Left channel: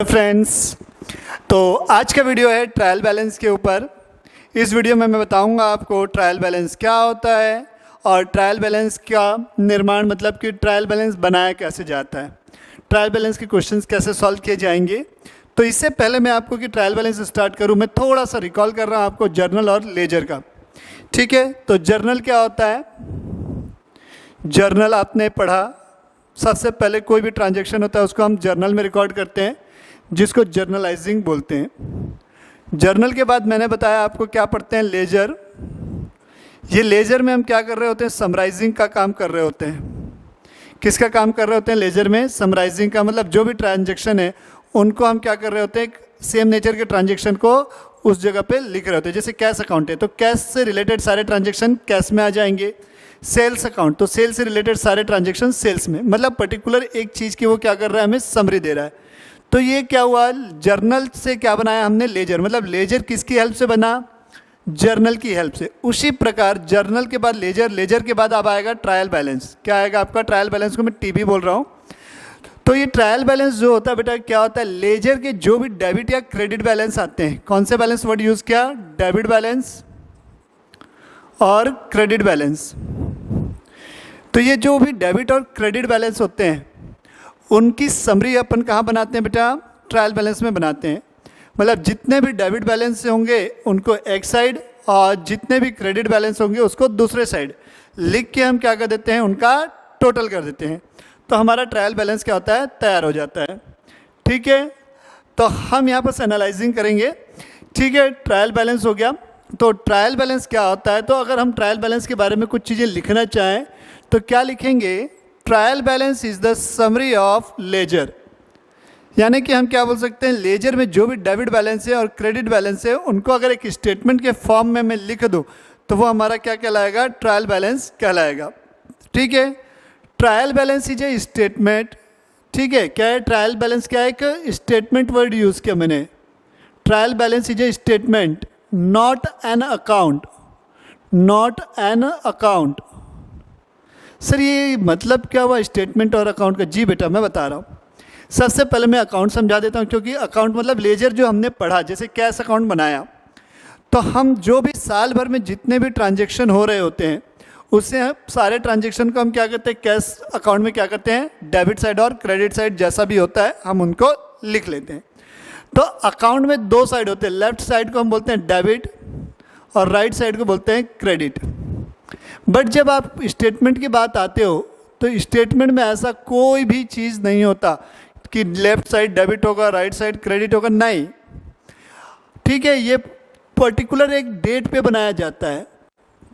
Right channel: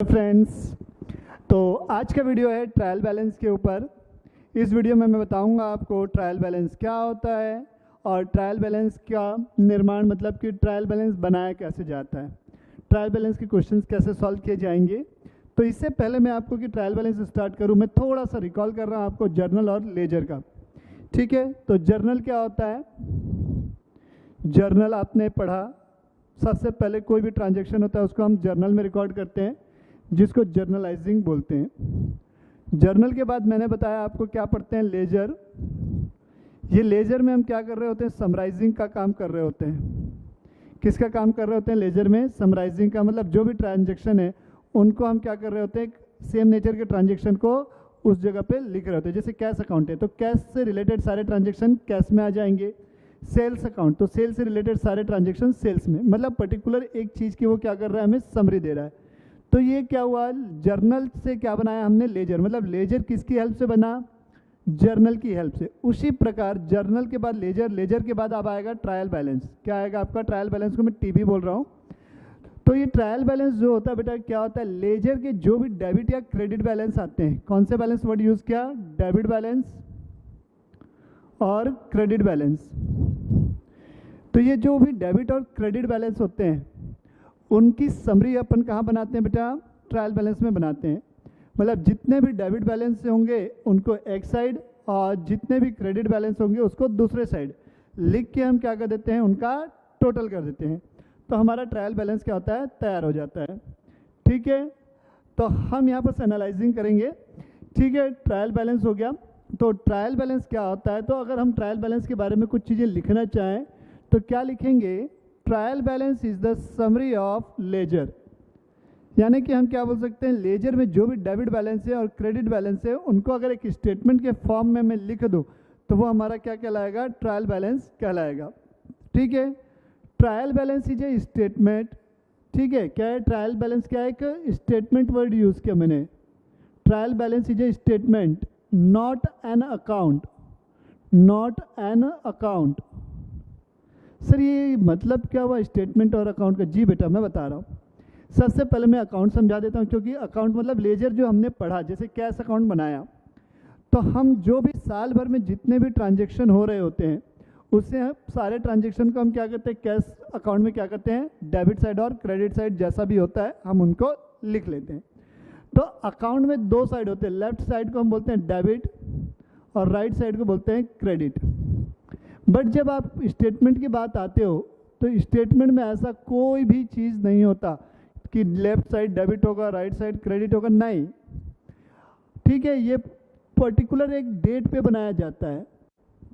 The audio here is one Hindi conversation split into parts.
फ्रेंड्स, तो आज का वीडियो है ट्रायल बैलेंस के ऊपर। इस वीडियो में मैं बताऊंगा आपको ट्रायल बैलेंस क्या होता है और ट्रायल बैलेंस का निर्माण मतलब कि ट्रायल बैलेंस बनाया कैसे जाता है, ट्रायल बैलेंस के क्वेश्चंस कैसे सॉल्व किए जाएंगे। तो इससे पहले मैं आपको कि ट्रायल बैलेंस स्टार्ट करूं, मैं थोड़ा सा रिकॉल कर रहा हूं आपको जर्नल और लेजर का। ठीक है, तो जर्नल क्या होता है? जर्नल आपने पढ़ा, सबसे पहले कोई भी ट्रांजेक्शन होता है उसको हम जर्नल में रिकॉर्ड करते हैं, जिसको जर्नलाइजिंग बोलते हैं। जर्नल के बाद मैंने बताया आपको क्या पढ़ते हैं, लेजर। ये लेजर में हम क्या कर रहे होते हैं? समराइजिंग का काम कर रहे होते हैं। किसका काम कर रहे होते हैं लेजर में? समराइजिंग का। मतलब जो भी ट्रांजेक्शन है उनको हम क्या कर रहे होते हैं, सेम नेचर के ट्रांजेक्शन को उस जगह पे लिख रहे होते हैं। जैसे कैश अकाउंट है तो कैश से रिलेटेड सारे ट्रांजेक्शन कैश में आ जाएंगे। सेल्स अकाउंट तो सेल्स से रिलेटेड सारे ट्रांजेक्शन सेल्स में, मतलब पर्टिकुलर एक चीज़ की वो क्या कर रहा है, हमें समरी दे रहा है। तो ये क्या हुआ, जर्नल से क्या बनाया हमने? लेजर। मतलब लेजर किसकी हेल्प से बना? जर्नल की हेल्प से। उसी प्रकार जर्नल के बाद लेजर, लेजर के बाद अब आएगा ट्रायल बैलेंस। क्या आएगा आपका? ट्रायल बैलेंस को मैं टीबी बोल रहा हूँ। तो ये ट्रायल बैलेंस जो होता है बेटा, क्या होता है? लेजर के जो भी डेबिट या क्रेडिट बैलेंस आते हैं, कौन से बैलेंस वर्ड यूज़ किया? डेबिट बैलेंस और क्रेडिट बैलेंस। तो ये जो भी डेबिट और क्रेडिट बैलेंस होते हैं उनकी समरी अपन कहाँ बनाते हैं बेटा? ट्रायल बैलेंस में बनाते हैं। मतलब जितने भी डेबिट बैलेंस होंगे उनको एक साइड और जितने भी क्रेडिट बैलेंस होंगे उसको दूसरे साइड लिख के हम क्या कर देते हैं, उनका टोटल कर देते हैं। तो हमारा ट्रायल बैलेंस क्या होता है? तैयार हो जाता है। ठीक है, तो हम यहाँ पर एनालाइजिंग करेंगे। ठीक है, ट्रायल बैलेंस हो गया। तो ट्रायल बैलेंस क्या होता है? तो अगर हम ट्रायल बैलेंस के बारे में कुछ चीज़ें लिखना चाहें तो क्या लिखेंगे? Trial balance is the summary of ledger. यानी कि हम क्या बोल सकते हैं, लेजर में जो भी डेबिट बैलेंस है और क्रेडिट बैलेंस है उनको अगर एक स्टेटमेंट के फॉर्म में मैं लिख दूं तो वो हमारा क्या कहलाएगा? ट्रायल बैलेंस कहलाएगा। ठीक है, trial balance is a statement. ठीक है, क्या है ट्रायल बैलेंस? क्या है? एक स्टेटमेंट वर्ड यूज़ किया मैंने। Trial balance is a statement, not an account. Not an account. Sir ये मतलब क्या हुआ स्टेटमेंट और अकाउंट का? जी बेटा मैं बता रहा हूँ। सबसे पहले मैं अकाउंट समझा देता हूँ, क्योंकि अकाउंट मतलब लेजर जो हमने पढ़ा, जैसे कैश अकाउंट बनाया तो हम जो भी साल भर में जितने भी ट्रांजेक्शन हो रहे होते हैं उससे सारे ट्रांजेक्शन को हम क्या करते हैं, कैश अकाउंट में क्या करते हैं, डेबिट साइड और क्रेडिट साइड जैसा भी होता है हम उनको लिख लेते हैं। तो अकाउंट में दो साइड होते हैं, लेफ्ट साइड को हम बोलते हैं डेबिट और राइट साइड को बोलते हैं क्रेडिट। बट जब आप स्टेटमेंट की बात आते हो तो स्टेटमेंट में ऐसा कोई भी चीज़ नहीं होता कि लेफ्ट साइड डेबिट होगा राइट साइड क्रेडिट होगा, नहीं। ठीक है, ये पर्टिकुलर एक डेट पे बनाया जाता है।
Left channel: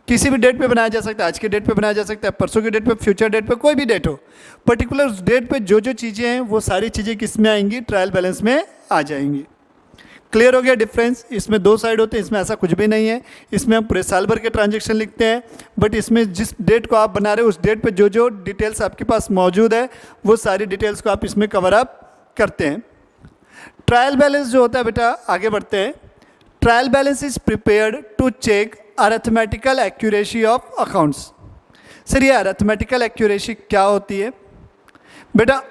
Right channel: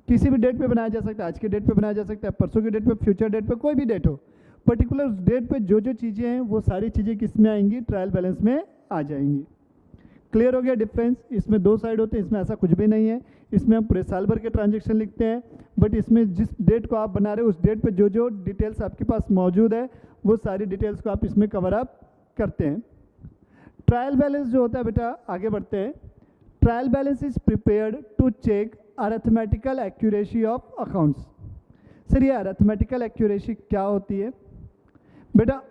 किसी भी डेट पे बनाया जा सकता है, आज के डेट पे बनाया जा सकता है, परसों के डेट पे, फ्यूचर डेट पे, कोई भी डेट हो। पर्टिकुलर डेट पे जो जो चीज़ें हैं वो सारी चीज़ें किस में आएंगी? ट्रायल बैलेंस में आ जाएंगी। क्लियर हो गया डिफरेंस? इसमें दो साइड होते हैं, इसमें ऐसा कुछ भी नहीं है। इसमें हम पूरे साल भर के ट्रांजेक्शन लिखते हैं, बट इसमें जिस डेट को आप बना रहे हो उस डेट पे जो जो डिटेल्स आपके पास मौजूद है वो सारी डिटेल्स को आप इसमें कवर अप करते हैं। ट्रायल बैलेंस जो होता है बेटा, आगे बढ़ते हैं। Trial balance is prepared to check arithmetical accuracy of accounts. Sir ये अरिथमेटिकल एक्यूरेसी क्या होती है बेटा?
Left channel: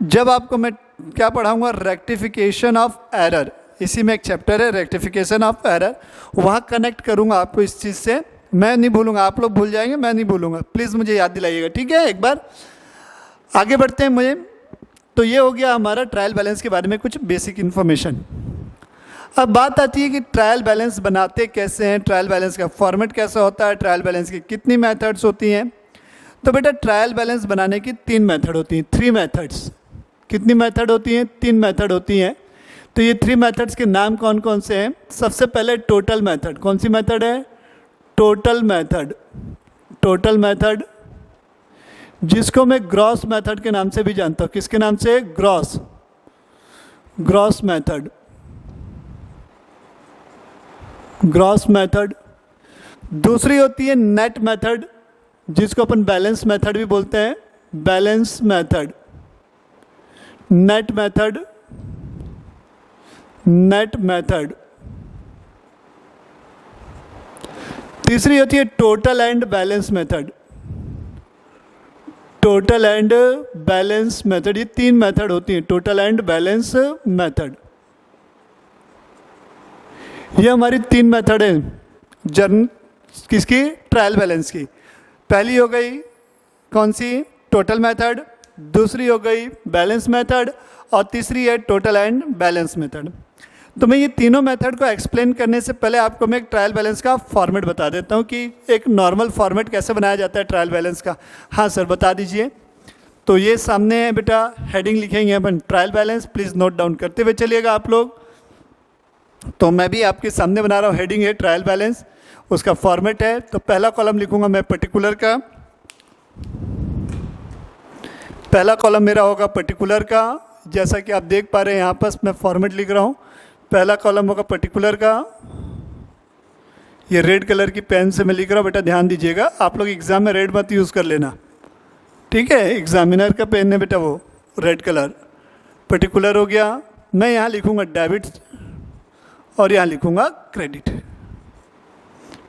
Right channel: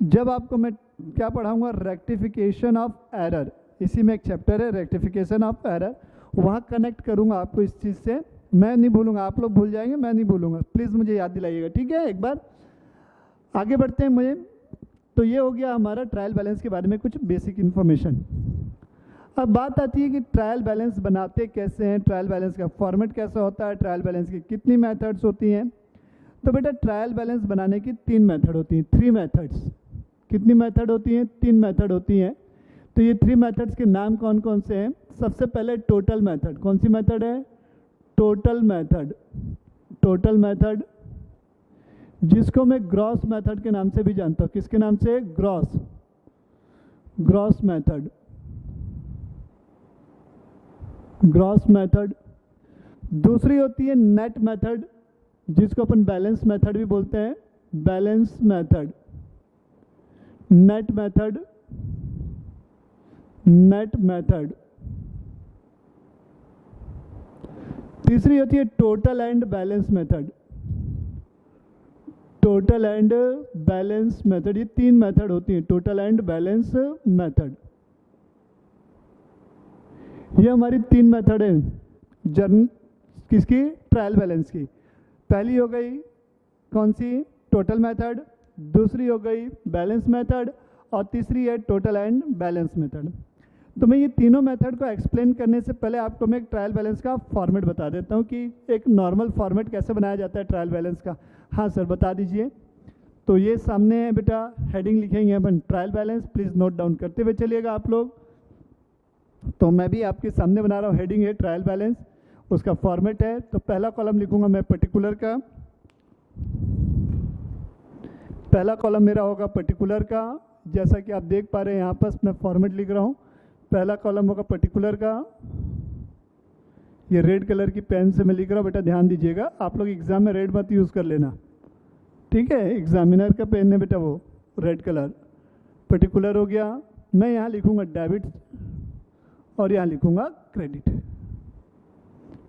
जब आपको मैं क्या पढ़ाऊँगा, रेक्टिफिकेशन ऑफ एरर, इसी में एक चैप्टर है रेक्टिफिकेशन ऑफ एरर, वहाँ कनेक्ट करूँगा आपको इस चीज़ से। मैं नहीं भूलूंगा, आप लोग भूल जाएंगे, मैं नहीं भूलूंगा, प्लीज़ मुझे याद दिलाइएगा। ठीक है, एक बार आगे बढ़ते हैं। मुझे तो ये हो गया हमारा ट्रायल बैलेंस के बारे में कुछ बेसिक इन्फॉर्मेशन। अब बात आती है कि ट्रायल बैलेंस बनाते कैसे हैं, ट्रायल बैलेंस का फॉर्मेट कैसा होता है, ट्रायल बैलेंस की कितनी मेथड्स होती हैं। तो बेटा ट्रायल बैलेंस बनाने की 3 मेथड होती हैं, 3 मेथड्स। कितनी मेथड होती हैं? 3 मेथड होती हैं। तो ये 3 मेथड्स के नाम कौन कौन से हैं? सबसे पहले टोटल मेथड। कौन सी मेथड है? Total method. टोटल मेथड जिसको मैं ग्रॉस मेथड के नाम से भी जानता हूँ। किसके नाम से? Gross. Gross method. Gross method. दूसरी होती है नेट मेथड, जिसको अपन बैलेंस मेथड भी बोलते हैं। Balance method, net method, net method. तीसरी होती है total and balance method. Total and balance method, ये 3 मेथड होती हैं, टोटल एंड बैलेंस मेथड। ये हमारी 3 मेथड है किसकी, ट्रायल बैलेंस की। पहली हो गई कौन सी, टोटल मेथड, दूसरी हो गई बैलेंस मेथड, और तीसरी है टोटल एंड बैलेंस मेथड। तो मैं ये तीनों मेथड को एक्सप्लेन करने से पहले आपको मैं एक ट्रायल बैलेंस का फॉर्मेट बता देता हूँ कि एक नॉर्मल फॉर्मेट कैसे बनाया जाता है ट्रायल बैलेंस का। हाँ सर बता दीजिए। तो ये सामने है बेटा, हेडिंग लिखेंगे अपन trial balance, please note down करते हुए चलिएगा आप लोग। तो मैं भी आपके सामने बना रहा हूँ, हेडिंग है ट्रायल बैलेंस, उसका फॉर्मेट है। तो पहला कॉलम लिखूंगा मैं पर्टिकुलर का, पहला कॉलम मेरा होगा पर्टिकुलर का, जैसा कि आप देख पा रहे हैं यहाँ पर मैं फॉर्मेट लिख रहा हूँ। पहला कॉलम होगा पर्टिकुलर का, ये रेड कलर की पेन से मैं लिख रहा हूँ, बेटा ध्यान दीजिएगा, आप लोग एग्जाम में रेड मत यूज़ कर लेना, ठीक है, एग्जामिनर का पेन है बेटा वो रेड कलर। पर्टिकुलर हो गया, मैं यहाँ लिखूँगा डेबिट और यहाँ लिखूँगा क्रेडिट,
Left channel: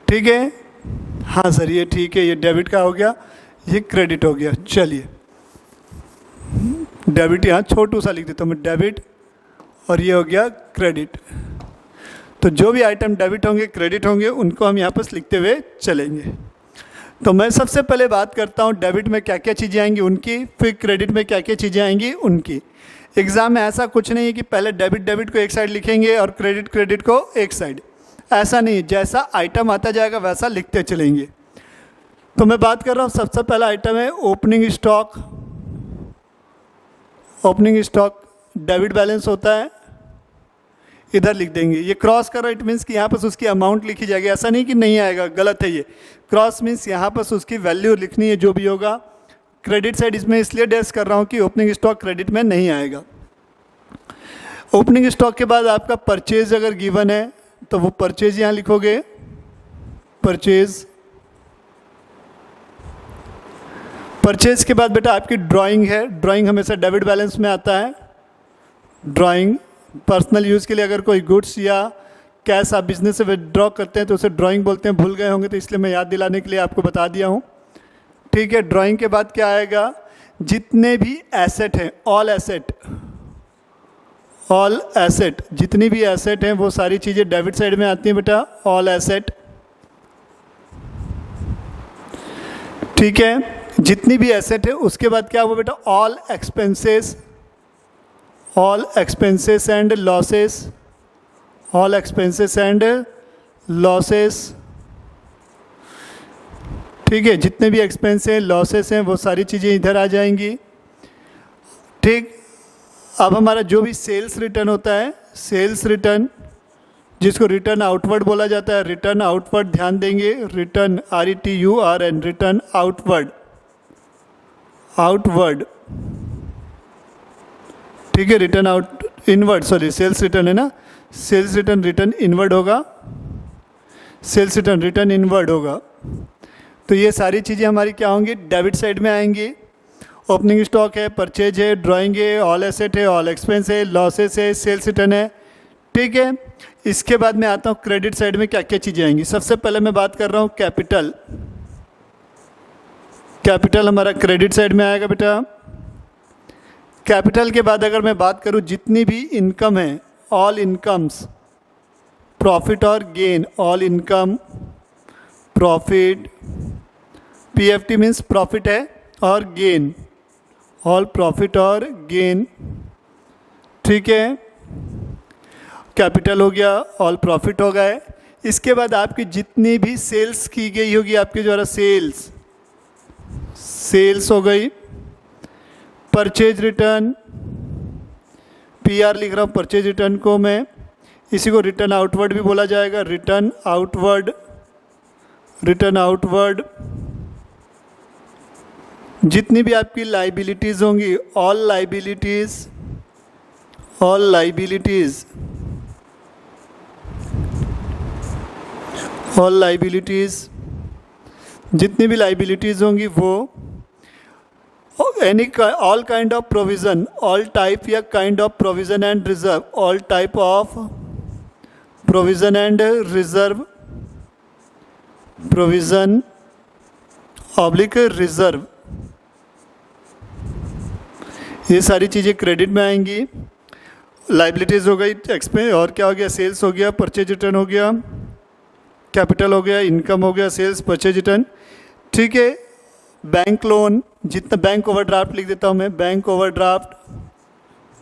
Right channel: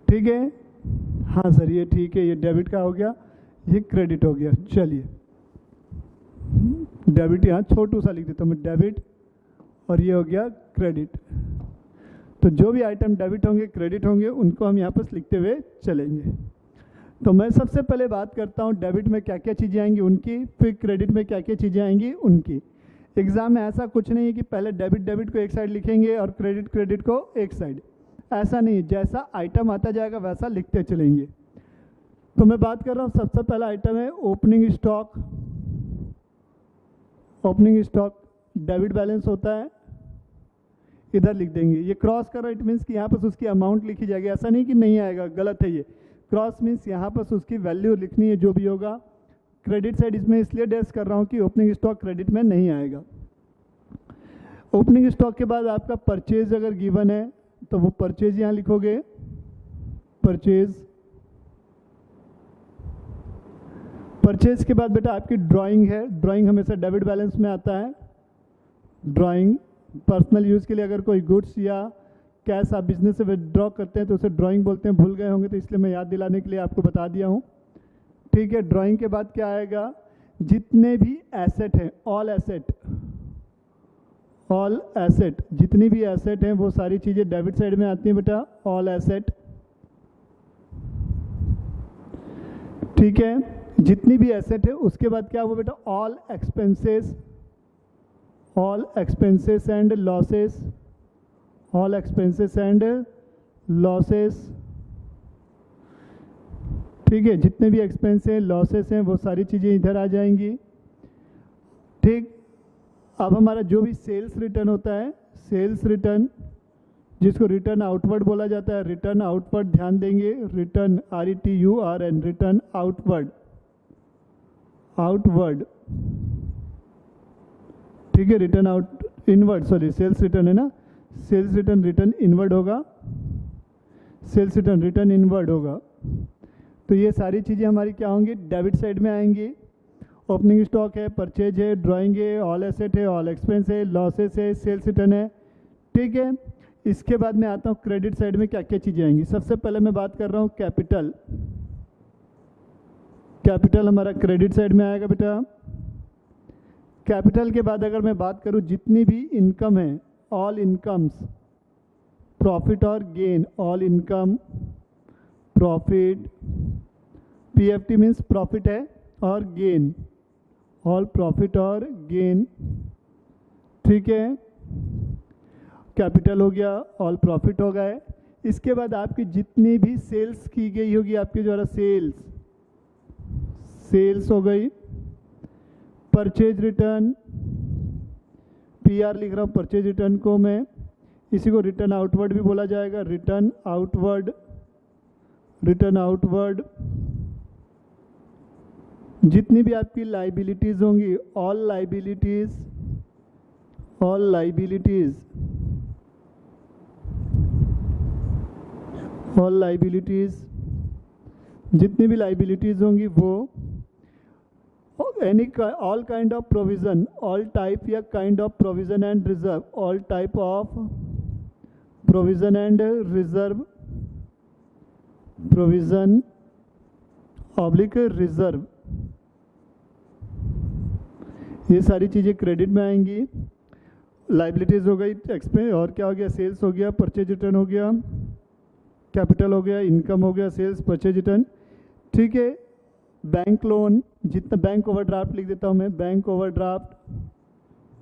ठीक है। हाँ सर ये ठीक है, ये डेबिट का हो गया, ये क्रेडिट हो गया। चलिए डेबिट यहाँ छोटू सा लिख देता हूँ मैं, डेबिट, और ये हो गया क्रेडिट। तो जो भी आइटम डेबिट होंगे क्रेडिट होंगे उनको हम यहाँ पर लिखते हुए चलेंगे। तो मैं सबसे पहले बात करता हूँ डेबिट में क्या क्या चीज़ें आएंगी उनकी, फिर क्रेडिट में क्या क्या चीज़ें आएंगी उनकी। एग्ज़ाम में ऐसा कुछ नहीं है कि पहले डेबिट को एक साइड लिखेंगे और क्रेडिट को एक साइड, ऐसा नहीं, जैसा आइटम आता जाएगा वैसा लिखते चलेंगे। तो मैं बात कर रहा हूँ, सबसे पहला आइटम है opening stock. Opening stock debit balance होता है, इधर लिख देंगे। ये क्रॉस कर रहा है, इट मीन्स कि यहाँ पर उसकी अमाउंट लिखी जाएगी, ऐसा नहीं कि नहीं आएगा, गलत है ये। क्रॉस मीन्स यहाँ पर उसकी वैल्यू लिखनी है जो भी होगा। क्रेडिट साइड इसमें इसलिए डैश कर रहा हूँ कि ओपनिंग स्टॉक क्रेडिट में नहीं आएगा। ओपनिंग स्टॉक के बाद आपका परचेज अगर गिवन है तो वो परचेज यहाँ लिखोगे, परचेज। परचेज के बाद बेटा आपकी ड्राइंग है, ड्राइंग हमेशा डेबिट बैलेंस में आता है। ड्राइंग पर्सनल यूज़ के लिए अगर कोई गुड्स या कैश आप बिजनेस से विड्रॉ करते हैं तो उसे ड्राइंग बोलते हैं, भूल गए होंगे तो इसलिए मैं याद दिलाने के लिए आपको बता दिया हूँ, ठीक है। ड्राइंग के बाद क्या आएगा, जितने भी एसेट हैं, ऑल एसेट, ऑल एसेट, जितनी भी एसेट हैं वो सारी चीज़ें डेबिट साइड में आती हैं बेटा, ऑल एसेट, ठीक है। जितनी भी एसेट है उसके बाद क्या हुआ बेटा, all expenses, all expenses and losses, all expenses and losses, ठीक है। जितने भी एक्सपेंस हैं लॉसेस हैं वो सारी चीज़ें इधर आ जाएंगी, ठीक। अब हमारा जो भी सेल्स रिटर्न होता है, सेल्स रिटर्न जिसको रिटर्न आउटवर्ड बोला जाता है, रिटर्न आउटवर्ड ध्यान देंगे, return RETURN, return outward, outward, ठीक है। Return out inward, sorry sales return है ना, सेल्स रिटर्न रिटर्न इनवर्ड होगा, सेल्स रिटर्न रिटर्न इनवर्ड होगा। तो ये सारी चीज़ें हमारी क्या होंगी, डेबिट साइड में आएंगी। ओपनिंग स्टॉक है, परचेज है, ड्राइंग है, ऑल एसेट है, ऑल एक्सपेंस है, लॉसेस है, सेल्स रिटर्न है, ठीक है। इसके बाद मैं आता हूँ क्रेडिट साइड में क्या क्या चीज़ें आएंगी। सबसे पहले मैं बात कर रहा हूँ कैपिटल। कैपिटल हमारा क्रेडिट साइड में आएगा बेटा। कैपिटल के बाद अगर मैं बात करूँ जितनी भी इनकम है, ऑल इनकम्स, प्रॉफिट और gain, all income, profit, PFT means profit है, और गेन, ऑल प्रॉफिट और गेन, ठीक है। कैपिटल हो गया, ऑल प्रॉफिट हो गए। इसके बाद आपकी जितनी भी सेल्स की गई होगी आपके द्वारा, सेल्स, सेल्स हो गई। परचेज रिटर्न, PR लिख रहा हूँ परचेज रिटर्न को मैं, इसी को रिटर्न आउटवर्ड भी बोला जाएगा, रिटर्न आउटवर्ड, रिटर्न आउटवर्ड। जितनी भी आपकी लाइबिलिटीज़ होंगी, all liabilities, all liabilities, all liabilities, जितनी भी लाइबिलिटीज़ होंगी वो, any all kind of provision, all type या kind of provision and reserve, all type of provision and reserve, provision oblique reserve, ये सारी चीज़ें क्रेडिट में आएंगी। लाइबिलिटीज़ हो गई, एक्सपेंस और क्या हो गया, सेल्स हो गया, परचेज रिटर्न हो गया, कैपिटल हो गया, इनकम हो गया, सेल्स, परचेज रिटर्न। ठीक है, बैंक लोन, जितना बैंक ओवरड्राफ्ट लिख देता हूँ मैं, bank overdraft,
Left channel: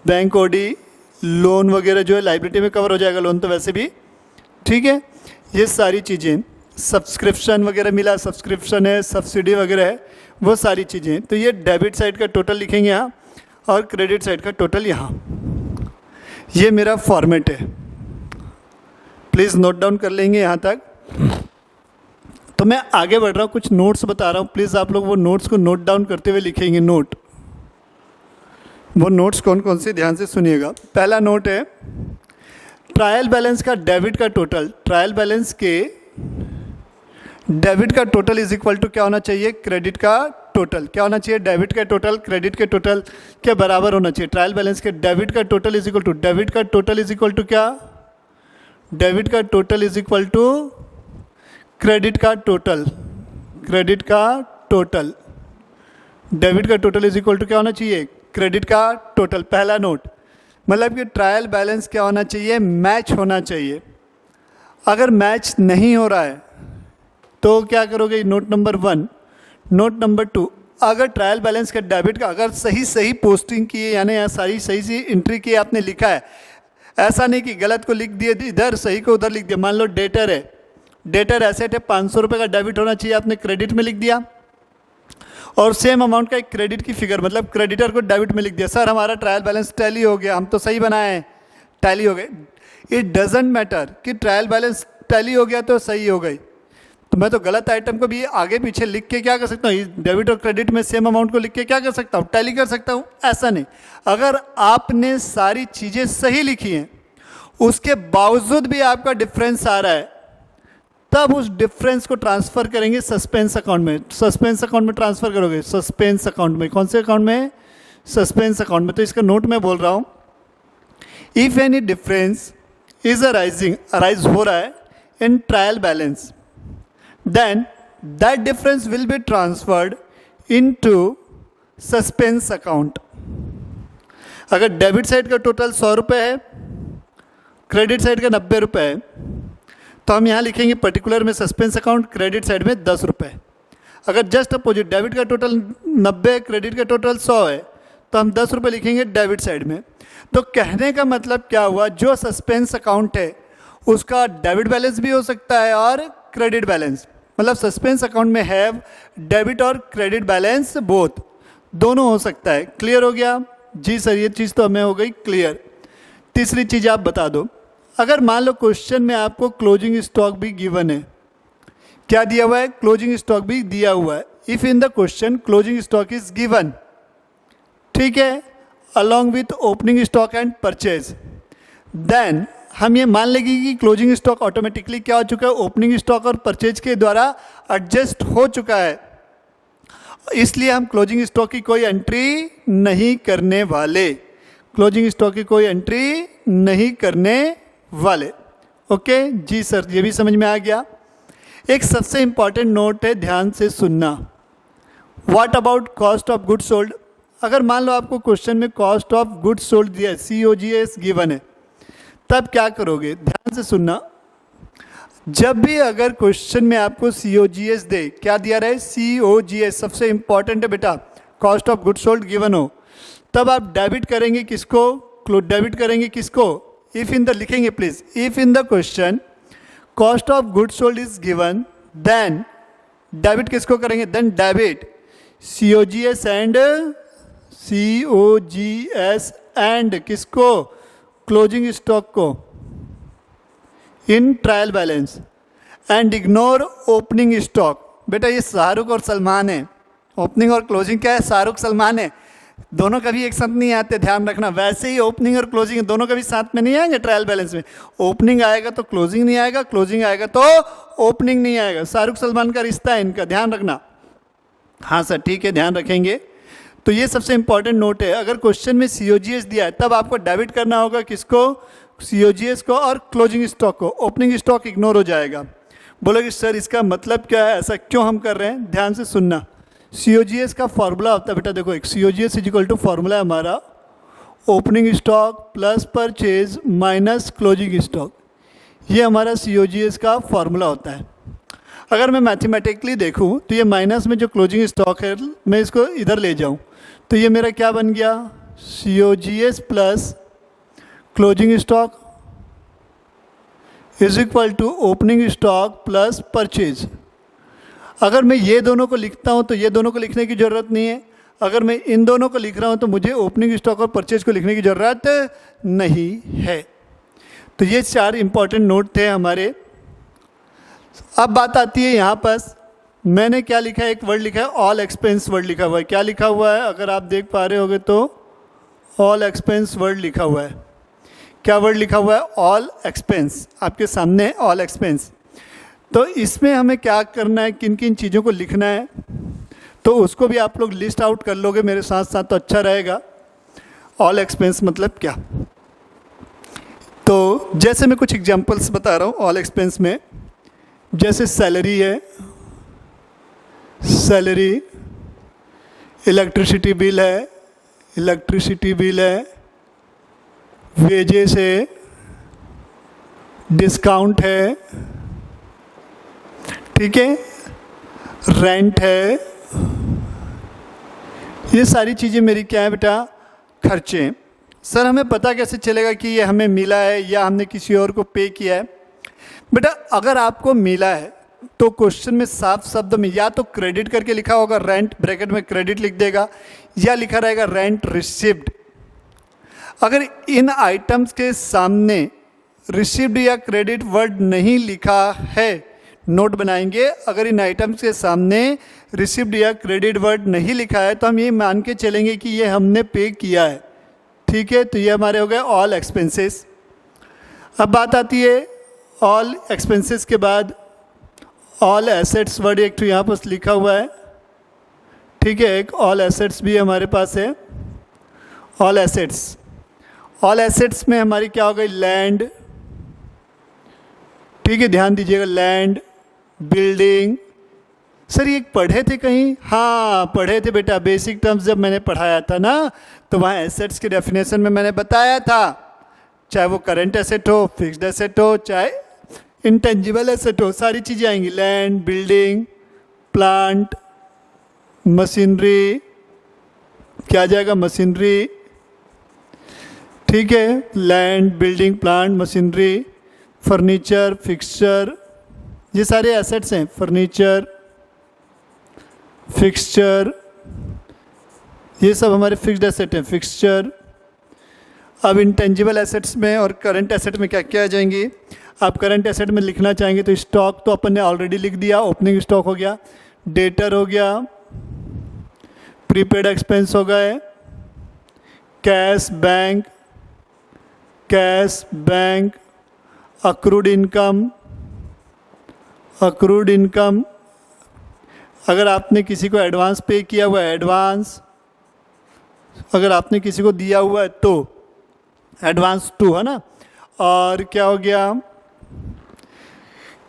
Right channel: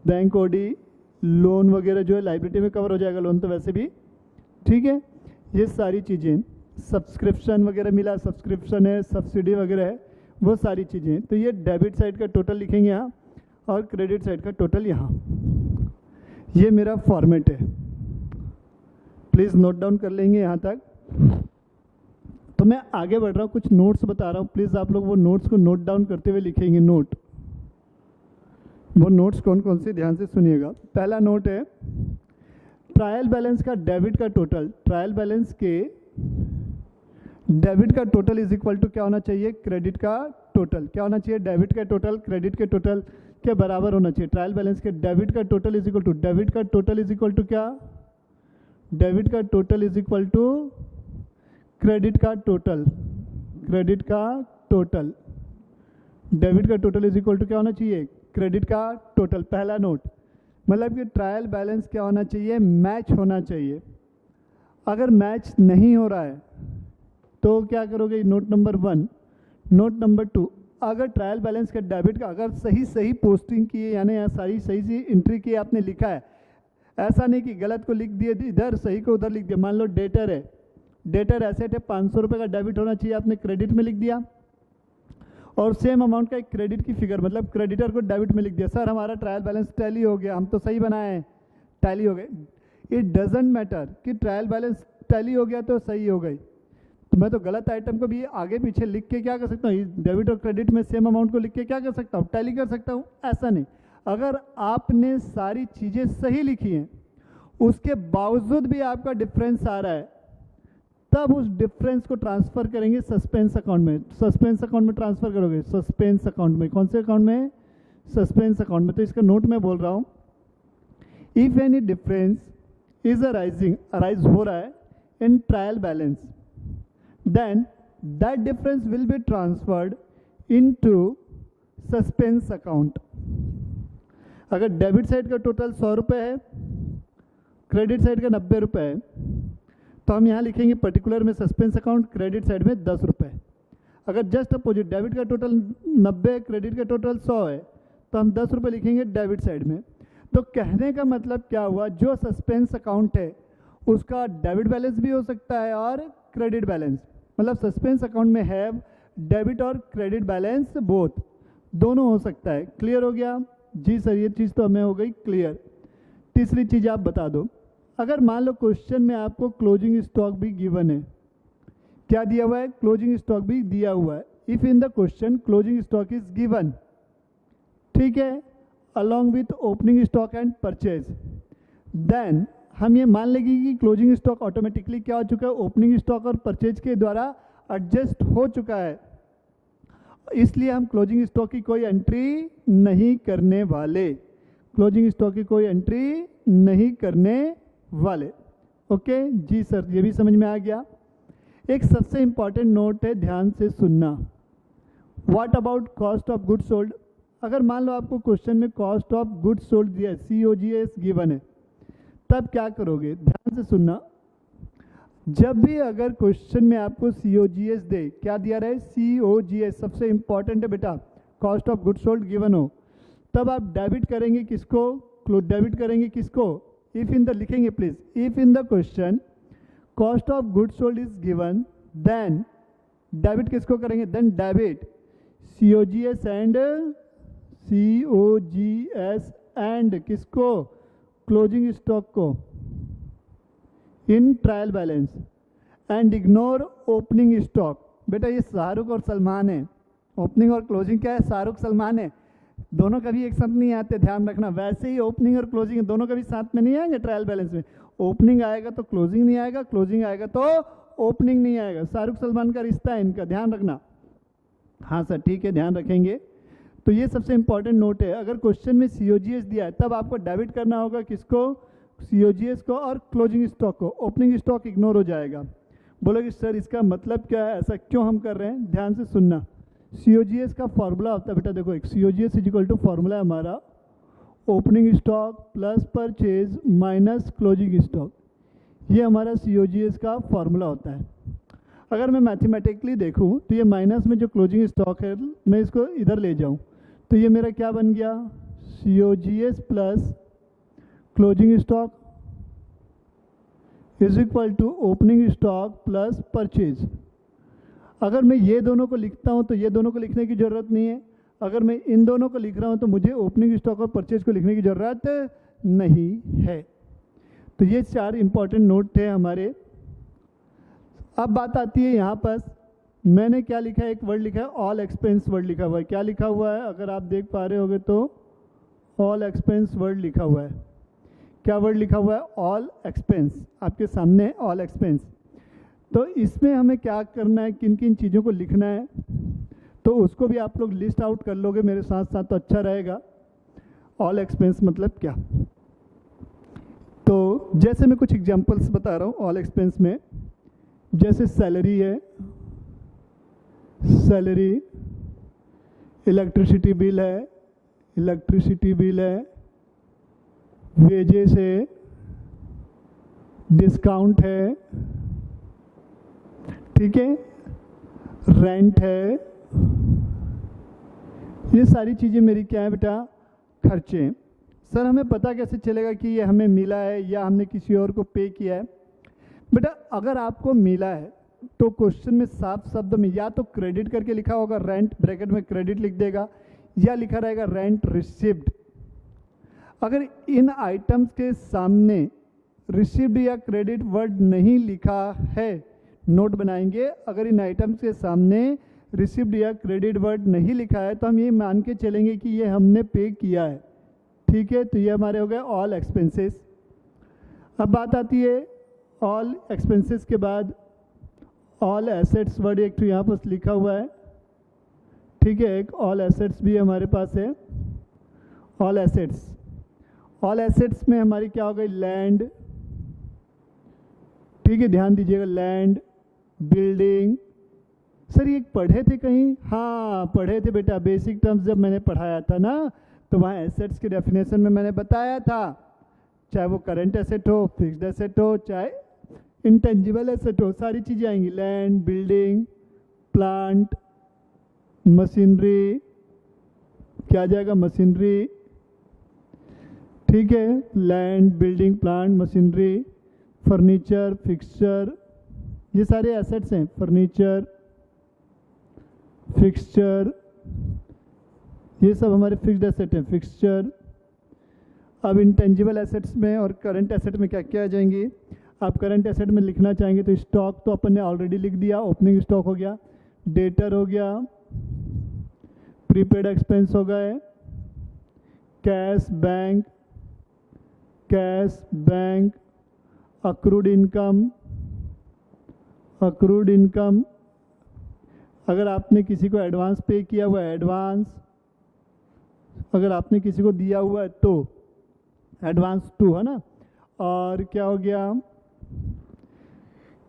bank OD, loan वगैरह जो है लाइबिलिटी में कवर हो जाएगा, लोन तो वैसे भी। ठीक है, ये सारी चीज़ें, सब्सक्रिप्शन वगैरह मिला, सब्सक्रिप्शन है, सब्सिडी वगैरह है, वो सारी चीज़ें। तो ये डेबिट साइड का टोटल लिखेंगे यहाँ और क्रेडिट साइड का टोटल यहाँ। ये मेरा फॉर्मेट है, प्लीज़ नोट डाउन कर लेंगे यहाँ तक। तो मैं आगे बढ़ रहा हूँ, कुछ नोट्स बता रहा हूँ, प्लीज़ आप लोग वो नोट्स को नोट डाउन करते हुए लिखेंगे। नोट, वो नोट्स कौन कौन से, ध्यान से सुनिएगा। पहला नोट है ट्रायल बैलेंस का डेबिट का टोटल, ट्रायल बैलेंस के डेबिट का टोटल इज इक्वल टू क्या होना चाहिए, क्रेडिट का टोटल। क्या होना चाहिए, डेबिट का टोटल क्रेडिट के टोटल के बराबर होना चाहिए। ट्रायल बैलेंस के डेबिट का total is equal to, debit का टोटल इज इक्वल टू क्या, डेबिट का total is equal to credit का टोटल, क्रेडिट का टोटल, डेबिट का टोटल इज इक्वल टू क्या होना चाहिए, क्रेडिट का टोटल। पहला नोट, मतलब कि ट्रायल बैलेंस क्या होना चाहिए, मैच होना चाहिए। अगर मैच नहीं हो रहा है तो क्या करोगे, नोट नंबर 1। नोट नंबर 2, अगर ट्रायल बैलेंस का डेबिट का अगर सही सही पोस्टिंग की है, यानी यहाँ सारी सही सी एंट्री की आपने लिखा है, ऐसा नहीं कि गलत को लिख दिए इधर, सही को उधर लिख दिया। मान लो डेटर है, डेटर एसेट है, 500 रुपये का डेबिट होना चाहिए, आपने क्रेडिट में लिख दिया। और सेम अमाउंट का एक क्रेडिट की फिगर, मतलब क्रेडिटर को डेबिट में लिख दिया। सर हमारा ट्रायल बैलेंस टैली हो गया, हम तो सही बनाए हैं, टैली हो गए। इट डजेंट मैटर कि ट्रायल बैलेंस टैली हो गया तो सही हो गई, तो मैं तो गलत आइटम को भी आगे पीछे लिख के क्या कर सकता हूँ, डेबिट और क्रेडिट में सेम अमाउंट को लिख के क्या कर सकता हूँ, टैली कर सकता हूँ। ऐसा नहीं, अगर आपने सारी चीज़ें सही लिखी हैं, उसके बावजूद भी आपका डिफरेंस आ रहा है, तब उस डिफरेंस को ट्रांसफर करेंगे सस्पेंस अकाउंट में। सस्पेंस अकाउंट में ट्रांसफर करोगे, सस्पेंस अकाउंट में। कौन से अकाउंट में, सस्पेंस अकाउंट में। तो इसका नोट में बोल रहा हूँ, if any difference is arise हो रहा है in trial balance, then that difference will be transferred into suspense account. अगर डेबिट साइड का टोटल 100 रुपये है, क्रेडिट साइड का 90 रुपये है, तो हम यहाँ लिखेंगे पर्टिकुलर में सस्पेंस अकाउंट, क्रेडिट साइड में 10 रुपये। अगर जस्ट अपोजिट, डेबिट का टोटल 90, क्रेडिट का टोटल 100 है, तो हम 10 रुपये लिखेंगे डेबिट साइड में। तो कहने का मतलब क्या हुआ, जो सस्पेंस अकाउंट है उसका डेबिट बैलेंस भी हो सकता है और क्रेडिट बैलेंस, मतलब सस्पेंस अकाउंट में हैव डेबिट और क्रेडिट बैलेंस बोथ, दोनों हो सकता है। क्लियर हो गया जी सर, ये चीज़ तो हमें हो गई क्लियर। तीसरी चीज़ आप बता दो, अगर मान लो क्वेश्चन में आपको क्लोजिंग स्टॉक भी गिवन है, क्या दिया हुआ है, क्लोजिंग स्टॉक भी दिया हुआ है। If in the question closing stock is given, ठीक है, along with opening stock and purchase, then हम ये मान लेंगे कि क्लोजिंग स्टॉक ऑटोमेटिकली क्या हो चुका है, ओपनिंग स्टॉक और परचेज के द्वारा एडजस्ट हो चुका है, इसलिए हम क्लोजिंग स्टॉक की कोई एंट्री नहीं करने वाले, क्लोजिंग स्टॉक की कोई एंट्री नहीं करने वाले। ओके जी सर, ये भी समझ में आ गया। एक सबसे इंपॉर्टेंट नोट है, ध्यान से सुनना। What about cost of goods sold. अगर मान लो आपको क्वेश्चन में कॉस्ट ऑफ गुड्स सोल्ड दिया है, COGS गिवन है, तब क्या करोगे, ध्यान से सुनना। जब भी अगर क्वेश्चन में आपको COGS दे, क्या दिया रहे, COGS सबसे इंपॉर्टेंट है बेटा, cost of goods sold given हो, तब आप डेबिट करेंगे किसको, डेबिट करेंगे किसको, इफ इन द, लिखेंगे please, if in the question cost of goods sold is given, then debit किसको करेंगे, देन डेबिट COGS एंड किसको, क्लोजिंग स्टॉक को in trial balance, and ignore opening stock. बेटा ये शाहरुख और सलमान है, ओपनिंग और क्लोजिंग क्या है, शाहरुख सलमान है, दोनों कभी एक साथ नहीं आते, ध्यान रखना। वैसे ही ओपनिंग और क्लोजिंग दोनों कभी साथ में नहीं आएंगे ट्रायल बैलेंस में, ओपनिंग आएगा तो क्लोजिंग नहीं आएगा, क्लोजिंग आएगा तो ओपनिंग नहीं आएगा। शाहरुख सलमान का रिश्ता है इनका, ध्यान रखना। हाँ सर ठीक है, ध्यान रखेंगे। तो ये सबसे इंपॉर्टेंट नोट है, अगर क्वेश्चन में COGS दिया है तब आपको डेबिट करना होगा किसको, COGS को और क्लोजिंग स्टॉक को, ओपनिंग स्टॉक इग्नोर हो जाएगा। बोलोगे सर इसका मतलब क्या है, ऐसा क्यों हम कर रहे हैं, ध्यान से सुनना। COGS का फॉर्मूला होता है बेटा, देखो एक COGS is equal to formula है हमारा opening stock plus purchase minus closing stock, ये हमारा COGS का फॉर्मूला होता है। अगर मैं मैथमेटिकली देखूं तो ये माइनस में जो क्लोजिंग स्टॉक है मैं इसको इधर ले जाऊं तो ये मेरा क्या बन गया, COGS plus closing stock is equal to opening stock plus purchase. अगर मैं ये दोनों को लिखता हूँ तो ये दोनों को लिखने की ज़रूरत नहीं है, अगर मैं इन दोनों को लिख रहा हूँ तो मुझे ओपनिंग स्टॉक और परचेज को लिखने की ज़रूरत नहीं है। तो ये 4 इंपॉर्टेंट नोट थे हमारे। अब बात आती है यहाँ पर, मैंने क्या लिखा है, एक वर्ड लिखा है ऑल एक्सपेंस वर्ड लिखा हुआ है। क्या लिखा हुआ है, अगर आप देख पा रहे होगे तो ऑल एक्सपेंस वर्ड लिखा हुआ है। क्या वर्ड लिखा हुआ है, ऑल एक्सपेंस, आपके सामने ऑल एक्सपेंस। तो इसमें हमें क्या करना है, किन किन चीज़ों को लिखना है, तो उसको भी आप लोग लिस्ट आउट कर लोगे मेरे साथ साथ तो अच्छा रहेगा। ऑल एक्सपेंस मतलब क्या, तो जैसे मैं कुछ एग्जांपल्स बता रहा हूँ ऑल एक्सपेंस में, जैसे सैलरी है, सैलरी, इलेक्ट्रिसिटी बिल है, इलेक्ट्रिसिटी बिल है, वेजेस है, डिस्काउंट है, ठीक है, रेंट है, ये सारी चीज़ें मेरी क्या है बेटा, खर्चे हैं। सर हमें पता कैसे चलेगा कि ये हमें मिला है या हमने किसी और को पे किया है? बेटा अगर आपको मिला है तो क्वेश्चन में साफ शब्द में या तो क्रेडिट करके लिखा होगा, रेंट ब्रैकेट में क्रेडिट लिख देगा, या लिखा रहेगा रेंट रिसीव्ड। अगर इन आइटम्स के सामने रिसीव्ड या क्रेडिट वर्ड नहीं लिखा है, नोट बनाएंगे, अगर इन आइटम्स के सामने रिसीव्ड या क्रेडिट वर्ड नहीं लिखा है तो हम ये मान के चलेंगे कि ये हमने पे किया है, ठीक है। तो ये हमारे हो गए ऑल एक्सपेंसेस। अब बात आती है ऑल एक्सपेंसेस के बाद ऑल एसेट्स वर्ड एक तो यहाँ पर लिखा हुआ है, ठीक है, एक ऑल एसेट्स भी हमारे पास है। ऑल एसेट्स, ऑल एसेट्स में हमारी क्या हो गई, लैंड, ठीक है, ध्यान दीजिएगा, लैंड, बिल्डिंग। सर ये पढ़े थे कहीं? हाँ पढ़े थे बेटा, बेसिक टर्म्स जब मैंने पढ़ाया था ना तो वहाँ एसेट्स के डेफिनेशन में मैंने बताया था, चाहे वो करंट एसेट हो, फिक्स्ड एसेट हो, चाहे इंटेंजिबल एसेट हो, सारी चीज़ें आएंगी, लैंड, बिल्डिंग, प्लांट, मशीनरी, क्या आ जाएगा, मशीनरी, ठीक है, land, building, plant, machinery, furniture, fixture, ये सारे एसेट्स हैं, फर्नीचर, फिक्सचर, ये सब हमारे फिक्स्ड एसेट हैं, फिक्सचर। अब इंटेंजिबल एसेट्स में और करंट एसेट में क्या क्या आ जाएंगी? आप करंट एसेट में लिखना चाहेंगे तो स्टॉक तो अपन ने ऑलरेडी लिख दिया, ओपनिंग स्टॉक हो गया, डेटर हो गया, प्रीपेड एक्सपेंस हो गए, cash bank, cash bank, accrued income, accrued income, अगर आपने किसी को एडवांस पे किया हुआ है एडवांस, अगर आपने किसी को दिया हुआ है तो एडवांस टू, है ना। और क्या हो गया,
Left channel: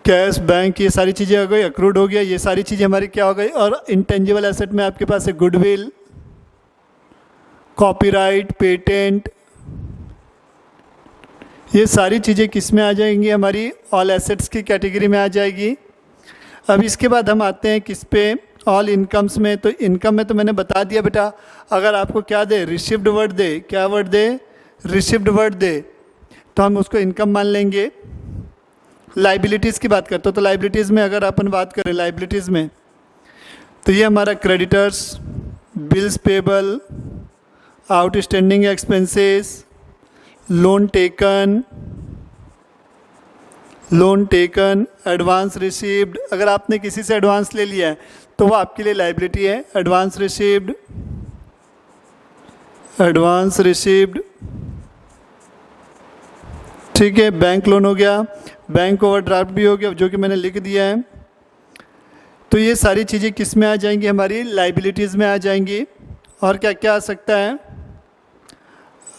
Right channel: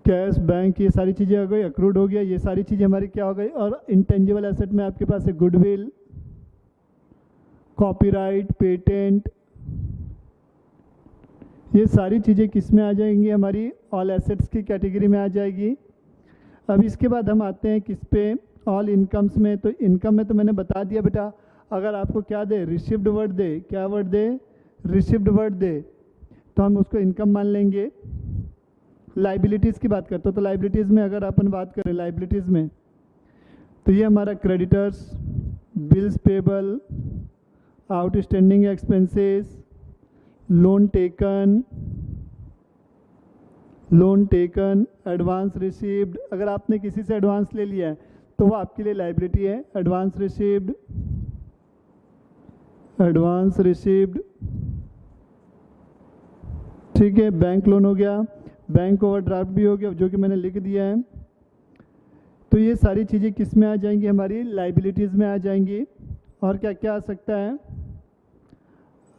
कैश बैंक, ये सारी चीज़ें हो गई, अक्रूड हो गया, ये सारी चीज़ें हमारी क्या हो गई। और इंटेंजिबल एसेट में आपके पास है गुडविल, कॉपीराइट, पेटेंट, ये सारी चीज़ें किस में आ जाएंगी, हमारी ऑल एसेट्स की कैटेगरी में आ जाएगी। अब इसके बाद हम आते हैं किस पे, ऑल इनकम्स में। तो इनकम में तो मैंने बता दिया बेटा, अगर आपको क्या दे, रिसीव्ड वर्ड दे, क्या वर्ड दे, रिसीव्ड वर्ड दे, तो हम उसको इनकम मान लेंगे। लाइबिलिटीज़ की बात करते हो तो लाइबिलिटीज़ में अगर अपन बात करें लाइबिलिटीज़ में तो ये हमारा creditors, bills payable, outstanding expenses, loan taken, loan taken, advance received, अगर आपने किसी से एडवांस ले लिया है तो वो आपके लिए लाइबिलिटी है, एडवांस रिसीव्ड, एडवांस रिसीव्ड, ठीक है। बैंक लोन हो गया, बैंक ओवरड्राफ्ट भी हो गया जो कि मैंने लिख दिया है। तो ये सारी चीज़ें किस में आ जाएंगी, हमारी लाइबिलिटीज़ में आ जाएंगी। और क्या क्या आ सकता है,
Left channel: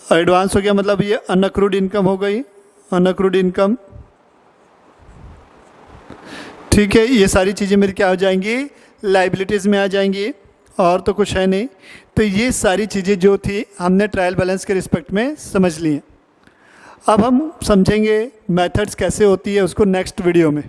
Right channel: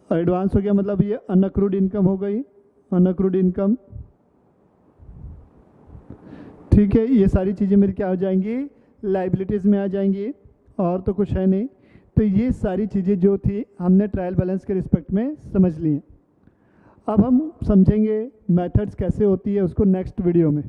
एडवांस हो गया मतलब ये अनअक्रूड इनकम हो गई, अनअक्रूड इनकम, ठीक है। ये सारी चीज़ें मेरी क्या हो जाएंगी, लाइबिलिटीज़ में आ जाएंगी। और तो कुछ है नहीं। तो ये सारी चीज़ें जो थी हमने ट्रायल बैलेंस के रिस्पेक्ट में समझ ली हैं। अब हम समझेंगे मेथड्स कैसे होती है उसको नेक्स्ट वीडियो में।